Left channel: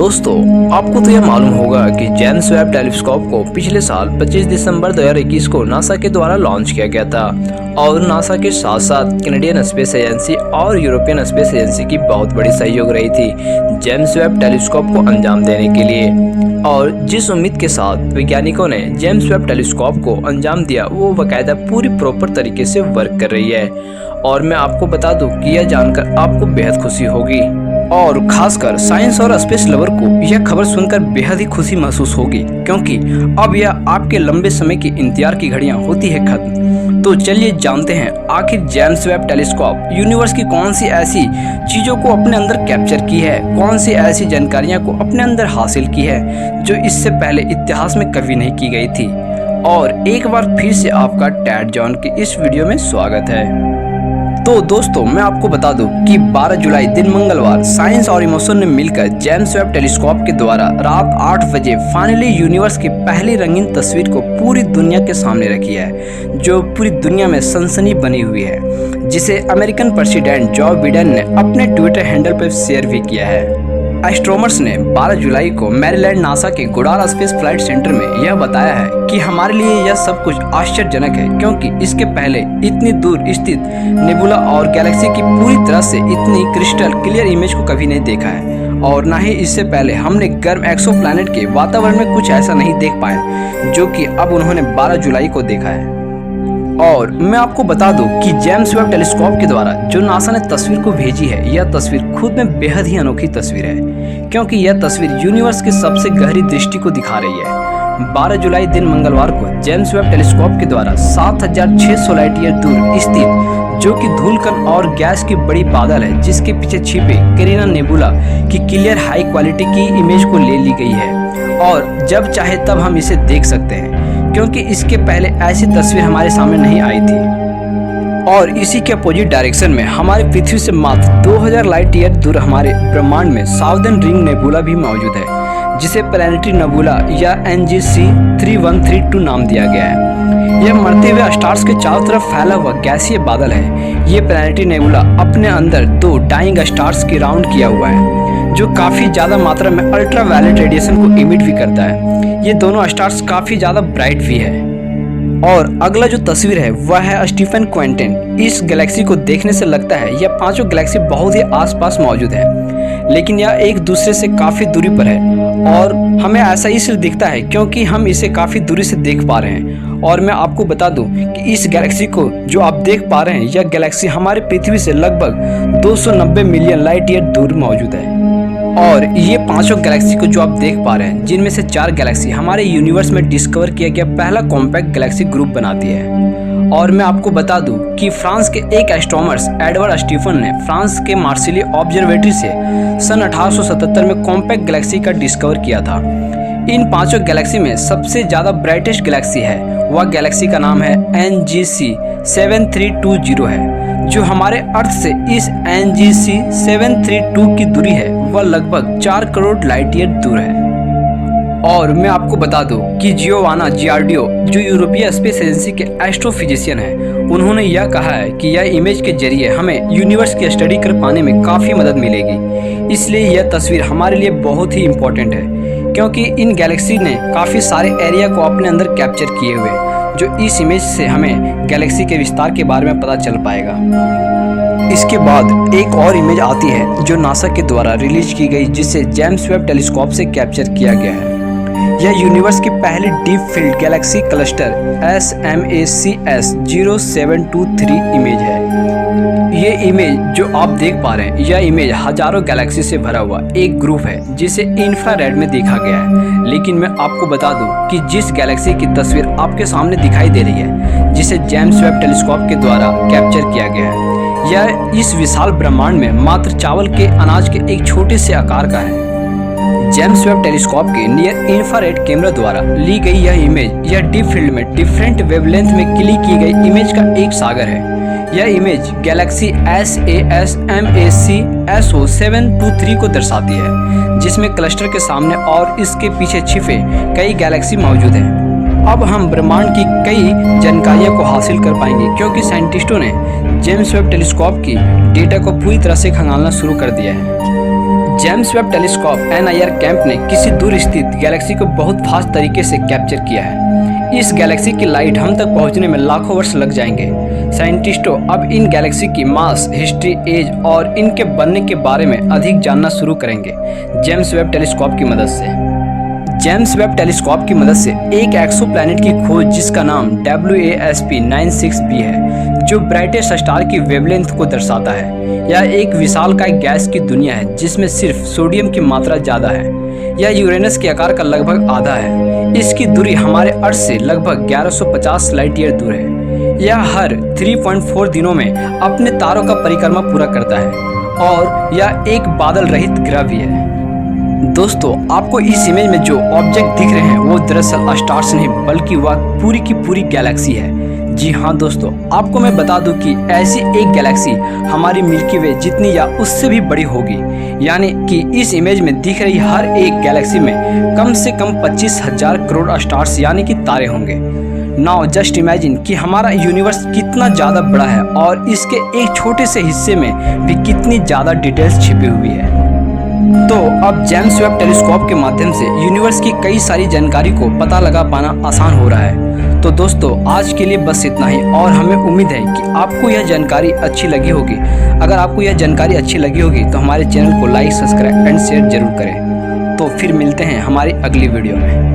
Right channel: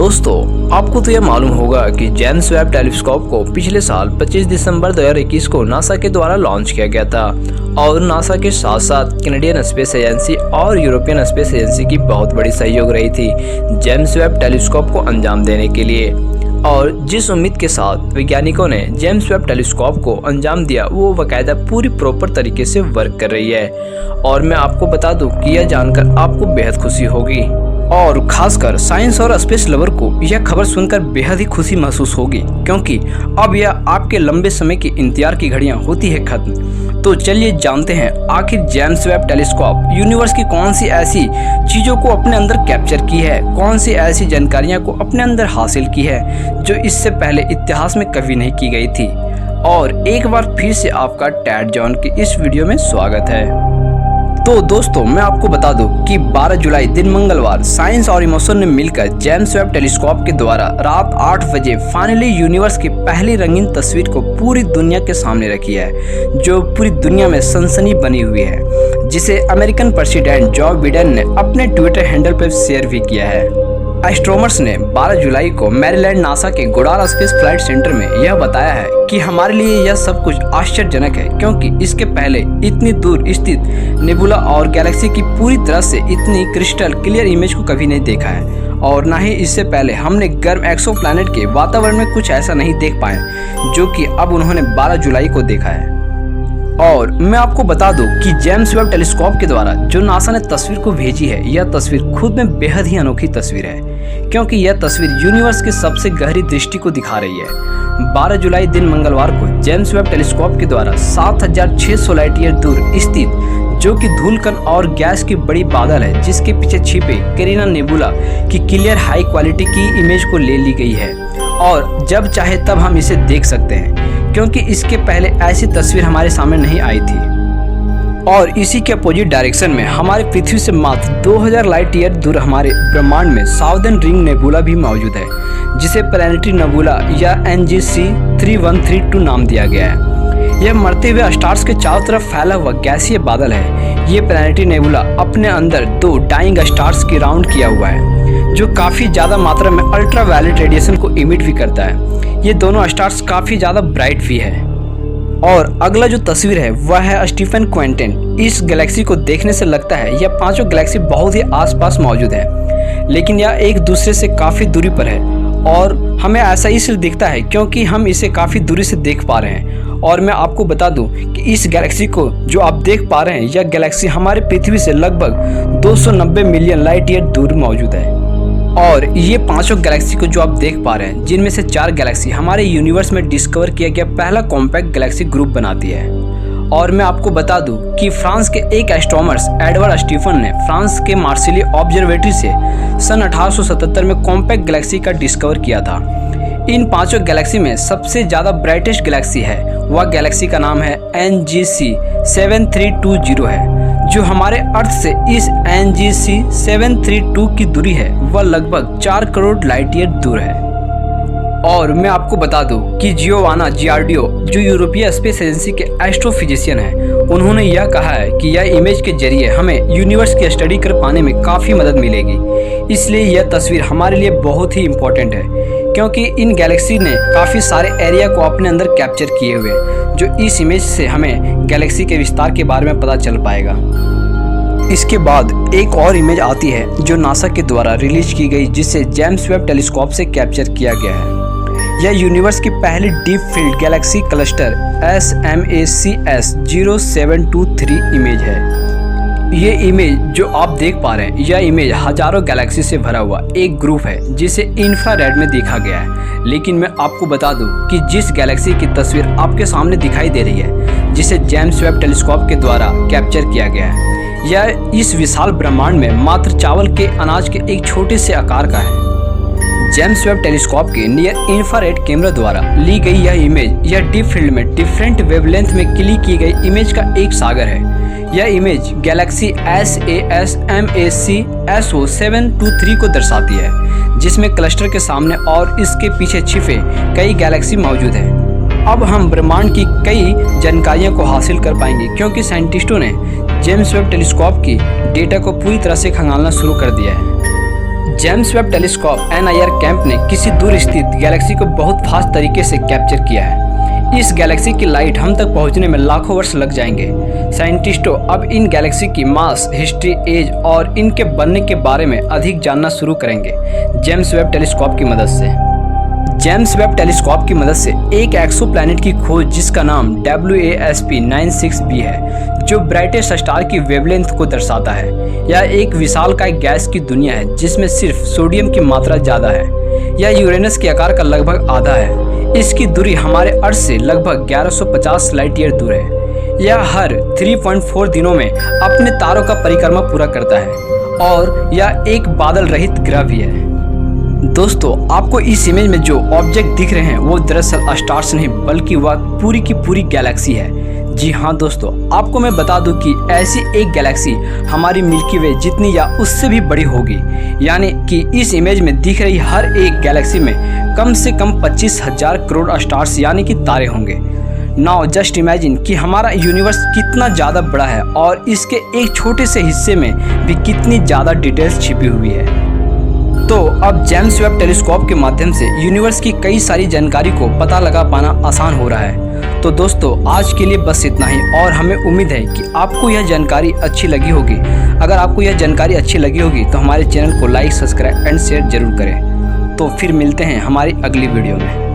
दोस्तों, आपको तो यह मालूम होगा कि जेम्स वेब टेलीस्कोप को पिछले साल 25 दिसंबर 2021 को नासा के द्वारा लॉन्च किया गया था और नासा के साथ साथ कैनेडियन स्पेस एजेंसी और यूरोपियन स्पेस एजेंसी की बहुत बड़ी सहयोग रही थी जेम्स वेब टेलीस्कोप को अंजाम देने के लिए। और जिस उम्मीद के साथ वैज्ञानिकों ने जेम्स वेब टेलीस्कोप को अंजाम दिया वो बाकायदा पूरी प्रॉपर तरीके से वर्क कर रही है। और मैं आपको बता दूं कि यह जानकर आपको बेहद खुशी होगी और खासकर साइंस और स्पेस लवर को यह खबर सुनकर बेहद ही खुशी महसूस होगी, क्योंकि अब यह आपके लंबे समय की इंतजार की घड़ियां होती है खत्म। तो चलिए जानते हैं आखिर जेम्स वेब टेलीस्कोप यूनिवर्स की कौन सी ऐसी चीज़ों को अपने अंदर कैप्चर की है, कौन सी ऐसी जानकारियां को अपने अंदर हासिल की है जो इससे पहले इतिहास में कभी नहीं की गई थी। और एक बार फिर से आपका टैड जॉन की इस वीडियो में स्वागत है। तो दोस्तों, मैं आपको बता दूं कि 12 जुलाई दिन मंगलवार साइंस और इमोशन ने मिलकर जेम्स वेब टेलीस्कोप के द्वारा रात 8 बजे फाइनली यूनिवर्स की पहली रंगीन तस्वीर को पूरी दुनिया के सामने रखी है, जो पूरी दुनिया में सनसनी बनी हुई है, जिसे अमेरिकन प्रेसिडेंट जो बिडेन ने अपने ट्विटर हैंडल पर शेयर भी किया है। एस्ट्रोनॉमर्स ने 12 जुलाई को मैरीलैंड नासा के गोडार स्पेस फ्लाइट सेंटर में यह बताया है कि हमारे लिए यह सब कुछ आश्चर्यजनक है, क्योंकि इसके पहले इतनी दूर स्थित नेबुला और गैलेक्सी की पूरी तरह से इतनी क्रिस्टल क्लियर इमेज को कभी नहीं देखा है, और ना ही इससे पहले हमने गर्म एक्सोप्लैनेट के वातावरण में कुछ ऐसा नहीं देख पाए जो कि अब उन्होंने 12 जुलाई को देखा है। और मैं आपको बता दूं कि जेम्स वेब टेलीस्कोप के द्वारा जो नासा ने तस्वीर को भेजी है, यह तस्वीर खुद में बेहद ही अनोखी तस्वीर है, क्योंकि यह तस्वीर यूनिवर्स की सबसे गहरी दृष्टि को दिखा रही है। 12 जुलाई दिन मंगलवार को जेम्स वेब टेलीस्कोप के द्वारा 7600 लाइट ईयर दूर स्थित जो कि धूलकण और गैस की बड़ी बादल है जिसके पीछे छिपे कैरिना नेबुला की क्लियर हाई क्वालिटी की इमेज को ले ली गई है, और जब चाहे तब हम इसे देख सकते हैं, क्योंकि इसके पहले ऐसी तस्वीर हमारे सामने नहीं आई थी। और इसी के अपोजिट डायरेक्शन में हमारे पृथ्वी से मात्र 2000 लाइट ईयर दूर हमारे ब्रह्मांड में साउदर्न रिंग नेबुला भी मौजूद है, जिसे प्लैनेटरी नेबुला या NGC 3132 नाम दिया गया है। यह मरते हुए स्टार्स के चारों तरफ फैला हुआ गैसीय बादल है। ये प्लैनेटरी नेबुला अपने अंदर 2 डाइंग स्टार्स की राउंड किया हुआ है, जो काफ़ी ज़्यादा मात्रा में अल्ट्रा वायलेट रेडिएशन को इमिट भी करता है। ये दोनों स्टार्स काफ़ी ज़्यादा ब्राइट भी है। और अगला जो तस्वीर है वह है स्टीफन क्वेंटिन। इस गैलेक्सी को देखने से लगता है यह पांचों गैलेक्सी बहुत ही आसपास मौजूद है, लेकिन यह एक दूसरे से काफ़ी दूरी पर है, और हमें ऐसा इसलिए दिखता है क्योंकि हम इसे काफ़ी दूरी से देख पा रहे हैं। और मैं आपको बता दूं कि इस गैलेक्सी को जो आप देख पा रहे हैं, यह गैलेक्सी हमारे पृथ्वी से लगभग 290 मिलियन लाइट ईयर दूर मौजूद है। और ये पांचों गैलेक्सी को जो आप देख पा रहे हैं, जिनमें से 4 गैलेक्सी हमारे यूनिवर्स में डिस्कवर किया गया पहला कॉम्पैक्ट गैलेक्सी ग्रुप बनाती है। और मैं आपको बता दूं कि फ्रांस के एक एस्ट्रोनॉमर्स एडवर्ड स्टीफन ने फ्रांस के मार्सिली ऑब्जर्वेटरी से सन 1877 में कॉम्पैक्ट गैलेक्सी का डिस्कवर किया था। इन पांचों गैलेक्सी में सबसे ज़्यादा ब्राइटेस्ट गैलेक्सी है, वह गैलेक्सी का नाम है NGC 7320 है, जो हमारे अर्थ से इस NGC 732 की दूरी है वह लगभग 4 करोड़ लाइट ईयर दूर है। और मैं आपको बता दूं कि जियोवाना जियार्डियो, जो यूरोपीय स्पेस एजेंसी के एस्ट्रोफिजिशियन हैं, उन्होंने यह कहा है कि यह इमेज के जरिए हमें यूनिवर्स की स्टडी कर पाने में काफ़ी मदद मिलेगी। इसलिए यह तस्वीर हमारे लिए बहुत ही इम्पोर्टेंट है, क्योंकि इन गैलेक्सी ने काफ़ी सारे एरिया को अपने अंदर कैप्चर किए हुए, जो इस इमेज से हमें गैलेक्सी के विस्तार के बारे में पता चल पाएगा। इसके बाद एक और इमेज आती है जो नासा के द्वारा रिलीज की गई, जिसे जेम्स वेब टेलीस्कोप से कैप्चर किया गया है। यह यूनिवर्स की पहली deep field Galaxy cluster SMACS 0723 image है। ये इमेज जो आप देख पा रहे हैं, यह इमेज हजारों गैलेक्सी से भरा हुआ एक ग्रुप है जिसे इंफ्रारेड में देखा गया है। लेकिन मैं आपको बता दूं कि जिस गैलेक्सी की तस्वीर आपके सामने दिखाई दे रही है, जिसे जेम्स वेब टेलीस्कोप के द्वारा कैप्चर किया गया है, यह इस विशाल ब्रह्मांड में मात्र चावल के अनाज के एक छोटे से आकार का है। जेम्स वेब टेलीस्कोप के नियर इंफ्रारेड कैमरा द्वारा ली गई यह इमेज यह डीप फील्ड में डिफरेंट वेवलेंथ में क्लिक की गई इमेज का एक सागर है। यह इमेज गैलेक्सी SASMAC SO723 को दर्शाती है, जिसमें क्लस्टर के सामने और इसके पीछे छिपे कई गैलेक्सी मौजूद हैं। अब हम ब्रह्मांड की कई जानकारियों को हासिल कर पाएंगे, क्योंकि साइंटिस्टों ने जेम्स वेब टेलीस्कोप की डेटा को पूरी तरह से खंगालना शुरू कर दिया है। James Webb telescope NIR camp ने किसी दूर स्थित गैलेक्सी को बहुत फास्ट तरीके से कैप्चर किया है। इस गैलेक्सी की लाइट हम तक पहुंचने में लाखों वर्ष लग जाएंगे। साइंटिस्टों अब इन गैलेक्सी की मास, हिस्ट्री, एज और इनके बनने के बारे में अधिक जानना शुरू करेंगे जेम्स वेब टेलीस्कोप की मदद से। जेम्स वेब टेलीस्कोप की मदद से एक एक्सोप्लैनेट की खोज जिसका नाम WASP-96b है, जो ब्राइटेस्ट स्टार की वेवलेंथ को दर्शाता है। यह एक विशालकाय गैस की दुनिया है जिसमें सिर्फ सोडियम की मात्रा ज़्यादा है। यह यूरेनस के आकार का लगभग आधा है। इसकी दूरी हमारे अर्थ से लगभग 1150 लाइट ईयर दूर है। यह हर 3.4 दिनों में अपने तारों का परिक्रमा पूरा करता है और यह एक बादल रहित ग्रह भी है। दोस्तों, आपको इस इमेज में जो ऑब्जेक्ट दिख रहे हैं वो दरअसल स्टार्स नहीं बल्कि वह पूरी की पूरी गैलेक्सी है। जी हाँ दोस्तों, आपको मैं बता दूं कि ऐसी एक गैलेक्सी हमारी मिल्की वे जितनी या उससे भी बड़ी होगी। यानी कि इस इमेज में दिख रही हर एक गैलेक्सी में कम से कम 25,000 करोड़ स्टार्स यानी कि तारे होंगे। नाउ जस्ट इमेजिन कि हमारा यूनिवर्स कितना ज़्यादा बड़ा है और इसके एक छोटे से हिस्से में भी कितनी ज़्यादा डिटेल्स छिपी हुई है। तो अब जेम्स वेब टेलीस्कोप के माध्यम से यूनिवर्स की कई सारी जानकारी को पता लगा पाना आसान हो रहा है। तो दोस्तों, आज के लिए बस इतना ही और हमें उम्मीद है कि आपको यह जानकारी अच्छी लगी होगी। अगर आपको यह जानकारी अच्छी लगी होगी तो हमारे चैनल को लाइक, सब्सक्राइब एंड शेयर जरूर करें। तो फिर मिलते हैं हमारी अगली वीडियो में।